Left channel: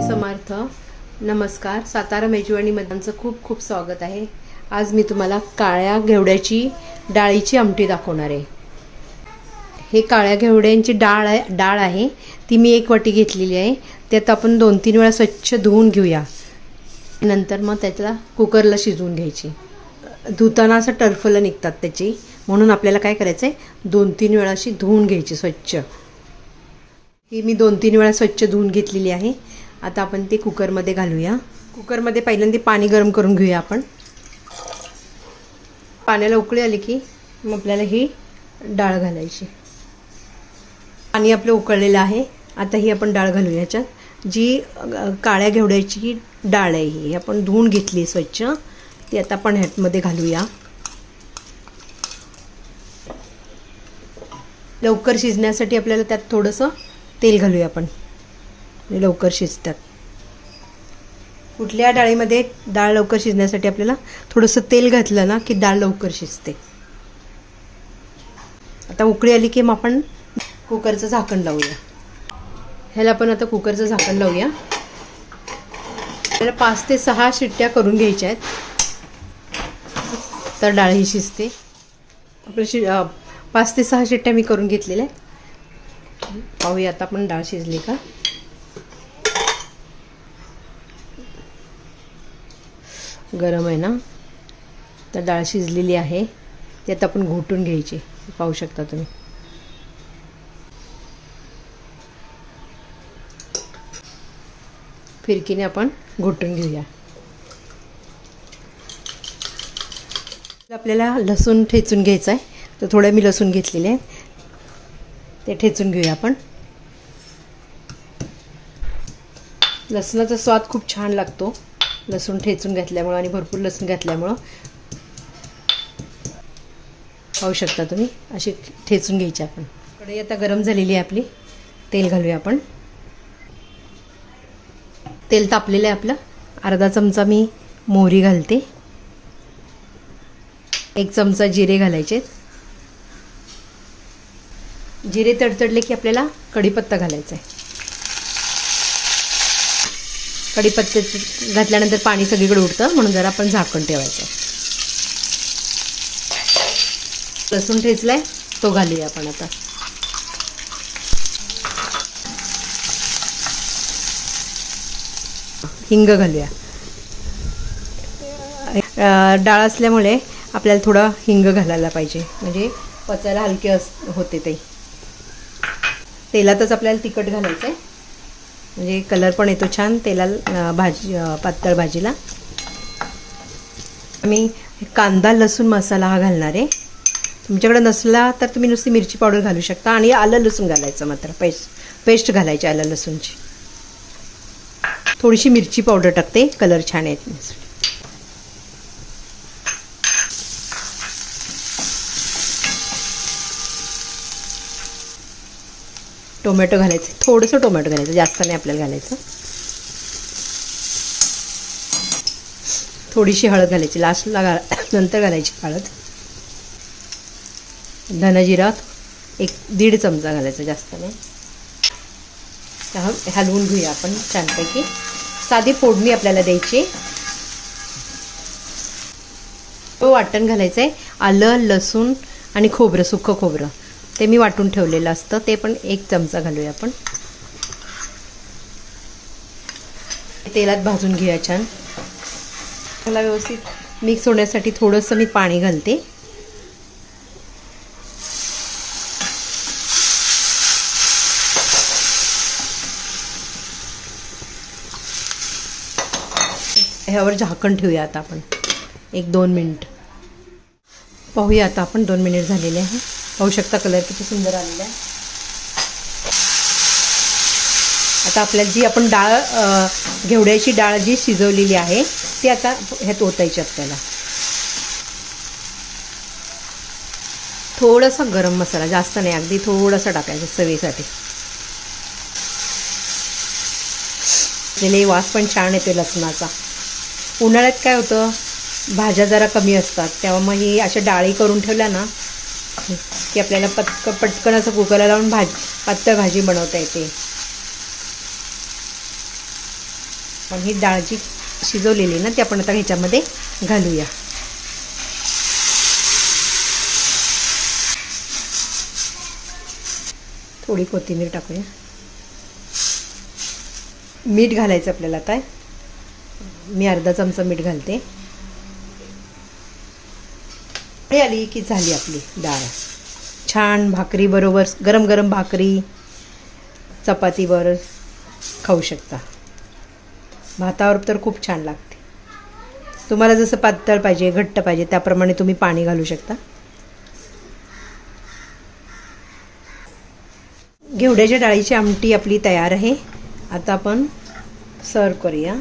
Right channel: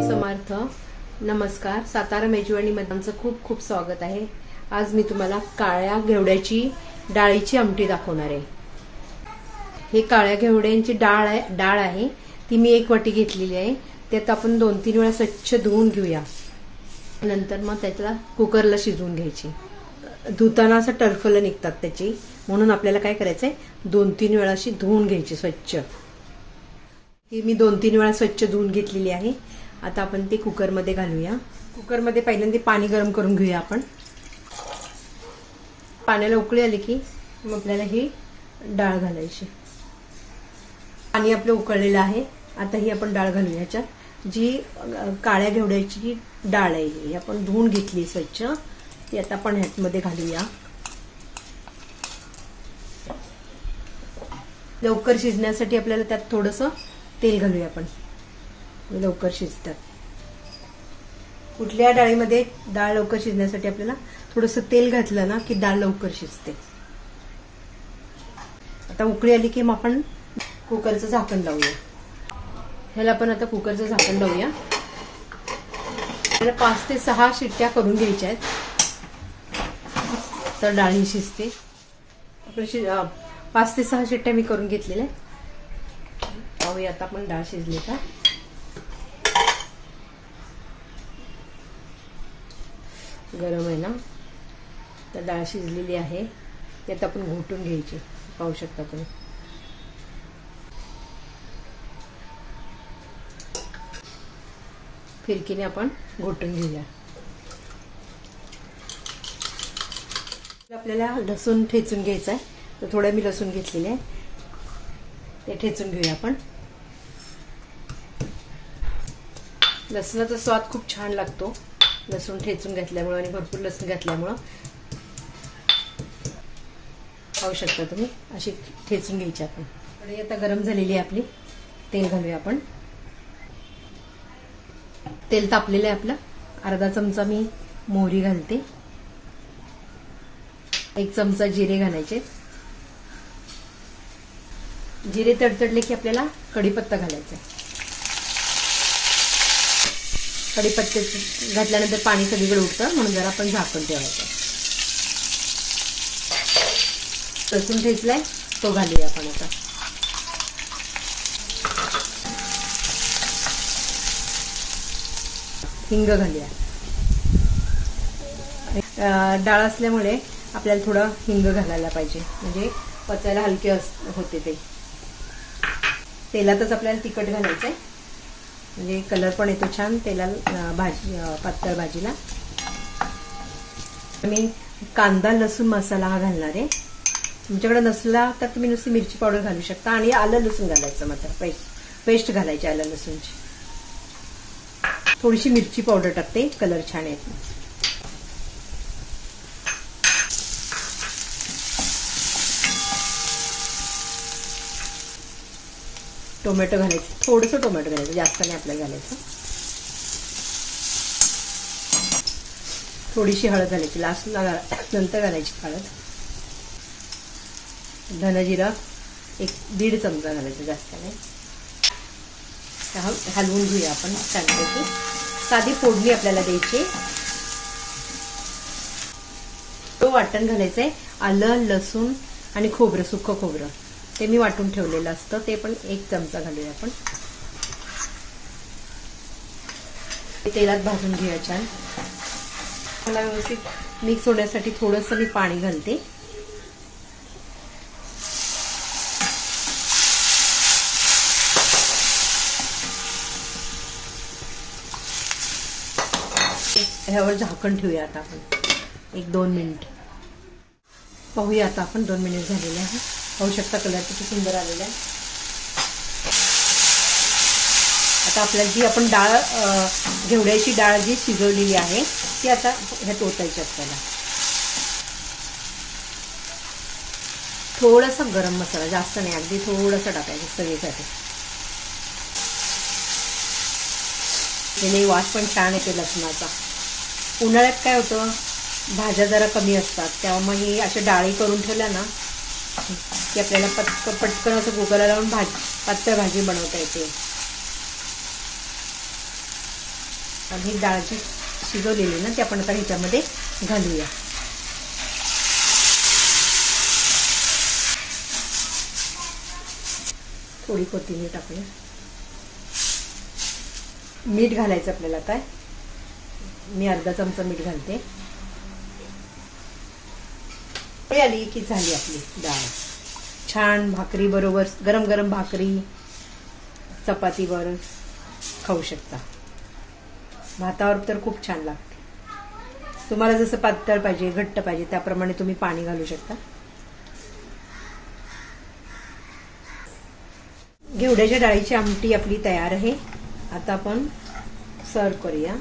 स्वामी समर्थ. नमस्कार. सातारा मेजवानी मध्ये खूप खूप स्वागत आहे. आज मी तुम्हाला काळ्या घेवड्याची डाळीची आमटी दाखवणार आहे. हे काळ्या घेवड्यांची डाळ आहे ती मी 1 वाटी घेतलेली आहे. त्यात आपण 2-3 वेळा स्वच्छ धुवून घेऊया. नंतर मग त्याला कुकरला शिजवून घ्यायची. धुताना असं टरफलं निघतात त्याची, म्हणून आपल्याला काय करायचंय 2-3 वेळा अशी धुवून घ्यायची स्वच्छ. ही मी 2-3 वेळा स्वच्छ धुवून घेतलेली आहे. आता आपण ते कुकरमध्ये घालूया. कुकरमध्ये पहिल्यांदा पाणी गरम करून घेऊया आपण. पाण्याला उकळी आली की मग आपल्याला ही डाळ घालायची. पाणी आपलं उकळलेलं आहे. आता ही आपण डाळ घालूया. याच्यात जी काळ्या घेवड्याची डाळ आहे ही आपण धुवून घेतली स्वच्छ, ती आता आपण ह्यामध्ये घालूया. लवकर शिजण्यासाठी आपल्याला त्यात थोडंसं तेल घालूया आपण, लवकर शिजतात. कुठल्या डाळीमध्ये डाळ लवकर शिजण्यासाठी आपल्याला थोडंसं तेल घातलं ना की डाळ लवकर शिजते. आता उकळी आली की मग आपण कुकरचं झाकण लावूया. ह्याला आपण आता कुकरचं झाकण लावूया. त्याला 5 ते 6 शिट्ट्या करून घ्यायच्या आहेत, तर डाळ ही शिजते. आपली 5 ते 6 शिट्ट्या मी करून घेतलेल्या आहेत. पाहूया आता आपण डाळ शिजली का. गरम आहे ना, तर डाळ शिजलेली आहे. ती आता आपण घोटून घ्यायची. पाहू शकता तुम्ही. फिरकीने आपण घोटून घेऊया. आपल्याला लसूण ठेचून घ्यायचं आहे, तर थोडं मी लसूण घेतलेले आहे, ते ठेचून घेऊया आपण. लसणाचा स्वाद खूप छान लागतो लसूण ठेचून घातल्यामुळे, आणि भरपूर लसूण घातल्यामुळे. पाहू शकता तुम्ही. अशी ठेचून घ्यायची आपण. कढई आता गरम झालेली आहे आपली. तेल घालूया आपण. तेल तापलेलं आहे आपलं. अर्धा चमचा मी मोहरी घालते. 1 चमचा जिरे घालायचे. जिरे तडतडले की आपल्याला कढीपत्ता घालायचा आहे. कढीपत्ते घातल्यानंतर पाणी सगळीकडे उडतं, म्हणून जरा आपण झाकण ठेवायचं. लसूण ठेचलाय तो घालूया आपण आता. हिंग घालूया. डाळ असल्यामुळे आपल्याला थोडा हिंग घालायला पाहिजे, म्हणजे पचायला हलके होते ते. तेलातच आपल्याला तिखट घालायचं आहे, म्हणजे कलर पण येतो छान तेलाला. पातळ भाजीला मी कांदा लसूण मसाला हा घालणार आहे. तुमच्याकडे नसला तर तुम्ही नुसती मिरची पावडर घालू शकता, आणि आलं लसूण घालायचं. मात्र पेस्ट घालायची आलं लसूणची. थोडीशी मिरची पावडर टाकते, कलर छान येतो. टोमॅटो घालायचे. थोडंसं टोमॅटो घालायचं, जास्त नाही आपल्याला घालायचं. थोडीशी हळद घालायची लास्टला, नंतर घालायची हळद. धनजिरा 1-1.5 चमचा घालायचा, जास्त नाही. हलवून घेऊया आपण छानपैकी. साधी फोडणी आपल्याला द्यायची. तो वाटण घालायचंय. आलं लसूण आणि खोबरं, सुकं खोबरं ते मी वाटून ठेवलेलं असतं, ते पण 1 चमचा घालूया आपण. तेलात भाजून घेऊया छान. त्याला व्यवस्थित मिक्स होण्यासाठी थोडंसं मी पाणी घालते. ह्यावर झाकण ठेवूया आता आपण 1-2 मिनिट. पाहूया आता आपण. 2 मिनिट झालेले आहे. पाहू शकता कलर किती सुंदर आलेला आहे. आता आपल्याला जी आपण डाळ घेवड्याची डाळ जी शिजवलेली आहे ती आता ह्यात ओतायची आपल्याला. थोडासा गरम मसाला, जास्त नाही, अगदी थोडासा टाकायचा चवीसाठी. त्याने वास पण छान येते लसणाचा. उन्हाळ्यात काय होतं, भाज्या जरा कमी असतात, त्यामुळे ही अशा डाळी करून ठेवल्या ना की आपल्याला पटकन असं कुकरला लावून पातळ भाजी बनवता येते. आणि ही डाळ जी शिजवलेली ना ती आपण आता ह्याच्यामध्ये घालूया. थोडी कोथिंबीर टाकूया. मीठ घालायचं आपल्याला. काय मी अर्धा चमचा मीठ घालते. आली की झाली आपली डाळ. छान भाकरी बरोबर, गरम गरम भाकरी चपातीवर खाऊ शकता. भातावर तर खूप छान लागते. तुम्हाला जसं पातळ पाहिजे, घट्ट पाहिजे त्याप्रमाणे तुम्ही पाणी घालू शकता. घेवड्याच्या डाळीची आमटी आपली तयार आहे. आता आपण सर्व करूया.